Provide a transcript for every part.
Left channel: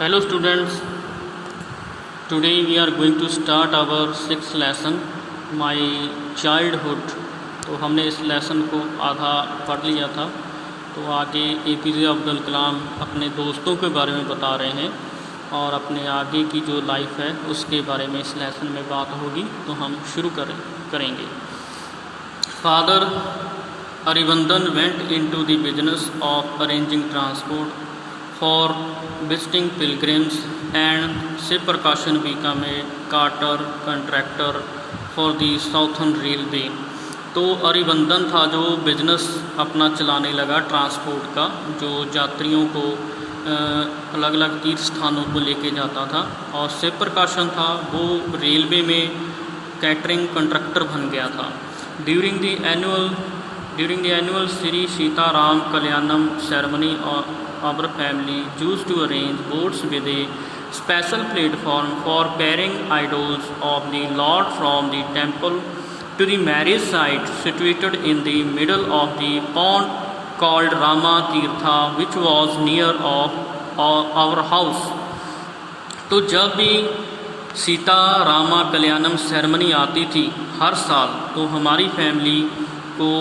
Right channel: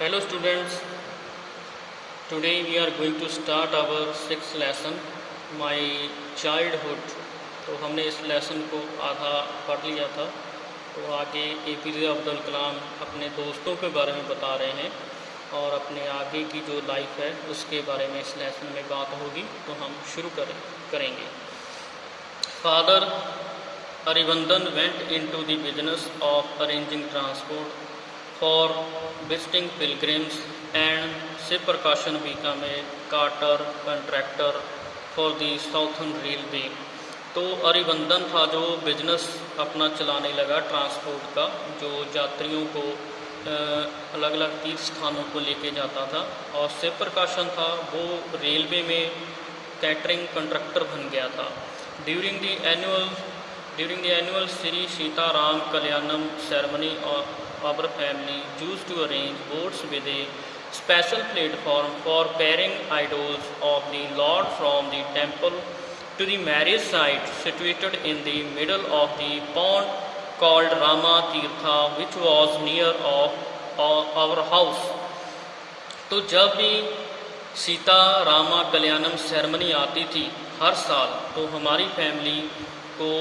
Hello students, today we are going to start our sixth lesson, My Childhood। तो हमने इस lesson को आधा पढ़ लिया था। तो आगे APJ अब्दुल कलाम अपने दोस्तों के बारे में बता रहे हैं और अपने आगे की जो लाइफ है उसके बारे में इस लेसन में बात होगी। तो हम शुरू करेंगे। Father Aravindan went into the business of arranging transport for visiting pilgrims, and Shiv Prakashan became a carter contractor for the Southern Railway। तो अरिवंदन था जो बिजनेस अपना चलाने लगा ट्रांसपोर्ट का, जो यात्रियों को अलग अलग तीर्थ स्थानों को लेके जाता था। और शिव प्रकाशन था वो रेलवे में कैटरिंग कंट्रैक्टर बन गया था। During the annual Shri Sitaram Kalyanam ceremony और our family used to arrange boats with a special platform for carrying idols of the Lord from the temple to the marriage site situated in the middle of the pond called Rama Tirtha, which was near of our house। तो जब भी सीता रामा कल्याणम ceremony आती थी हर साल, तो हमारी family को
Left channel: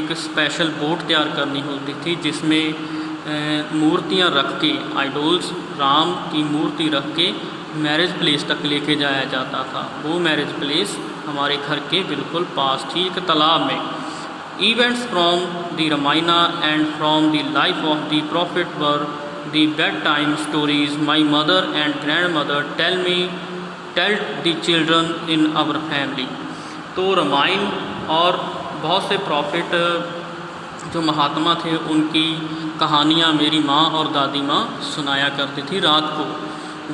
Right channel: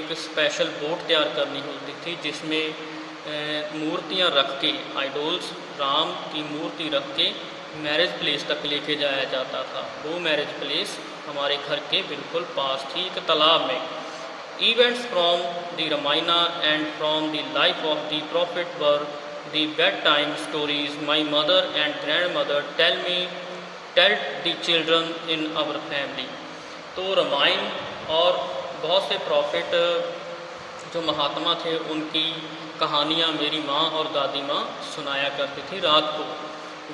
एक स्पेशल बोट तैयार करनी होती थी जिसमें मूर्तियाँ रख के, आइडोल्स राम की मूर्ति रख के मैरिज प्लेस तक लेके जाया जाता था। वो मैरिज प्लेस हमारे घर के बिल्कुल पास थी, एक तालाब में। Events from the Ramayana and from the life of the prophet were the bedtime stories my mother and grandmother tell the children in our family. तो रामायण और बहुत से प्रॉफिट जो महात्मा थे उनकी कहानियाँ मेरी माँ और दादी माँ सुनाया करती थी रात को।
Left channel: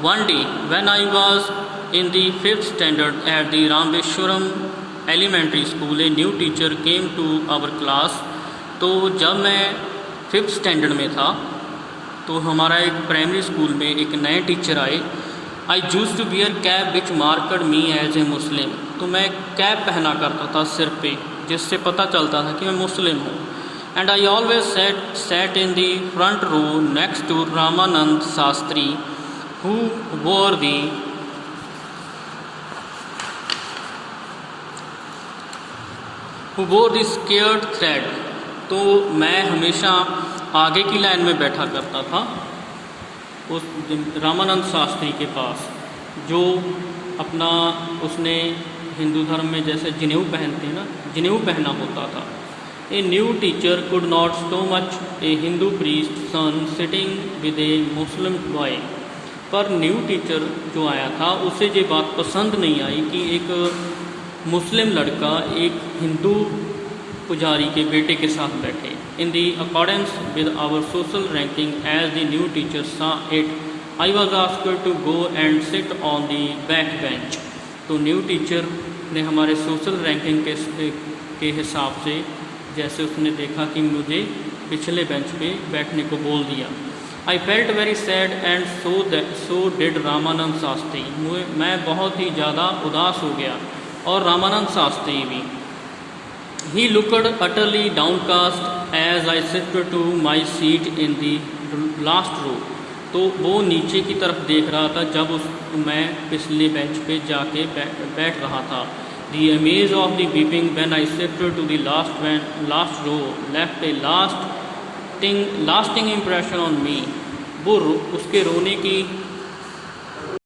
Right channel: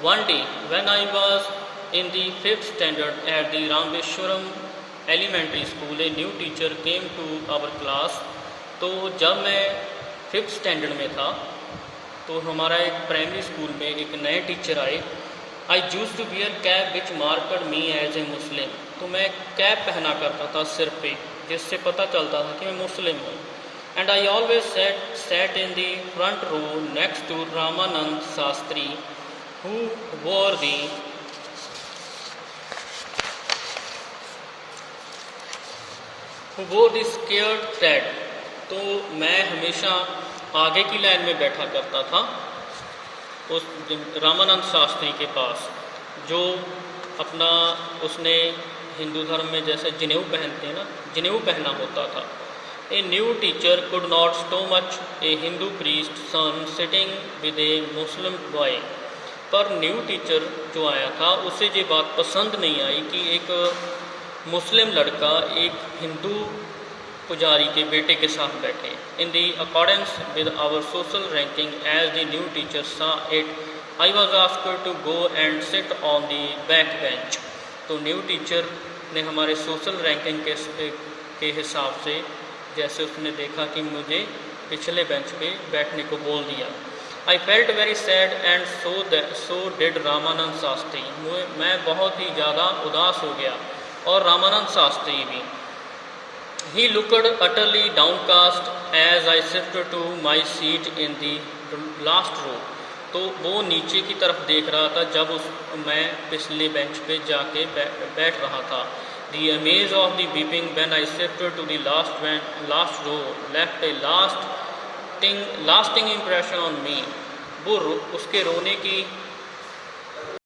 One day when I was in the 5th standard at the Rameswaram elementary school, a new teacher came to our class. तो जब मैं 5th स्टैंडर्ड में था तो हमारा एक प्राइमरी स्कूल में एक नए टीचर आए। I used to wear cap which marked me as a Muslim. तो मैं कैप पहना करता था सिर पे, जिससे पता चलता था कि मैं मुस्लिम हूँ। And I always sat in the front row next to Ramanand Shastri, who wore the scared thread। तो मैं हमेशा आगे की लाइन में बैठा करता था उस रामानंद शास्त्री के पास, जो अपना उसने हिंदू धर्म में जैसे जनेऊ पहनते हैं ना, जनेऊ पहना होता था। A new teacher could not stomach a Hindu priest son sitting with a Muslim boy। पर न्यू टीचर जो आया था उसे ये बात पसंद नहीं आई कि एक मुस्लिम लड़का एक हिंदू पुजारी के बेटे के साथ बैठे। In the accordance with our social ranking as the new teacher saw it, I was asked to go and sit on the back bench. तो न्यू टीचर ने हमारे सोशल रैंकिंग के हिसाब से, जैसे उसने देखा कि मुझे पिछले बेंच पे बैठने को बोल दिया। I felt very sad and so did Ramanand Shastri. मैं बहुत ही ज़्यादा उदास हो गया और रामानंद शास्त्री भी। He looked utterly downcast as I shifted to my seat in the last row. तो वो नीचे की तरफ देख रहा था जब मैं पिछले बेंच पे जाके बैठ रहा था। The amaze of the weeping when I shifted to the last row left a lasting impression on me। वो उसके रोने की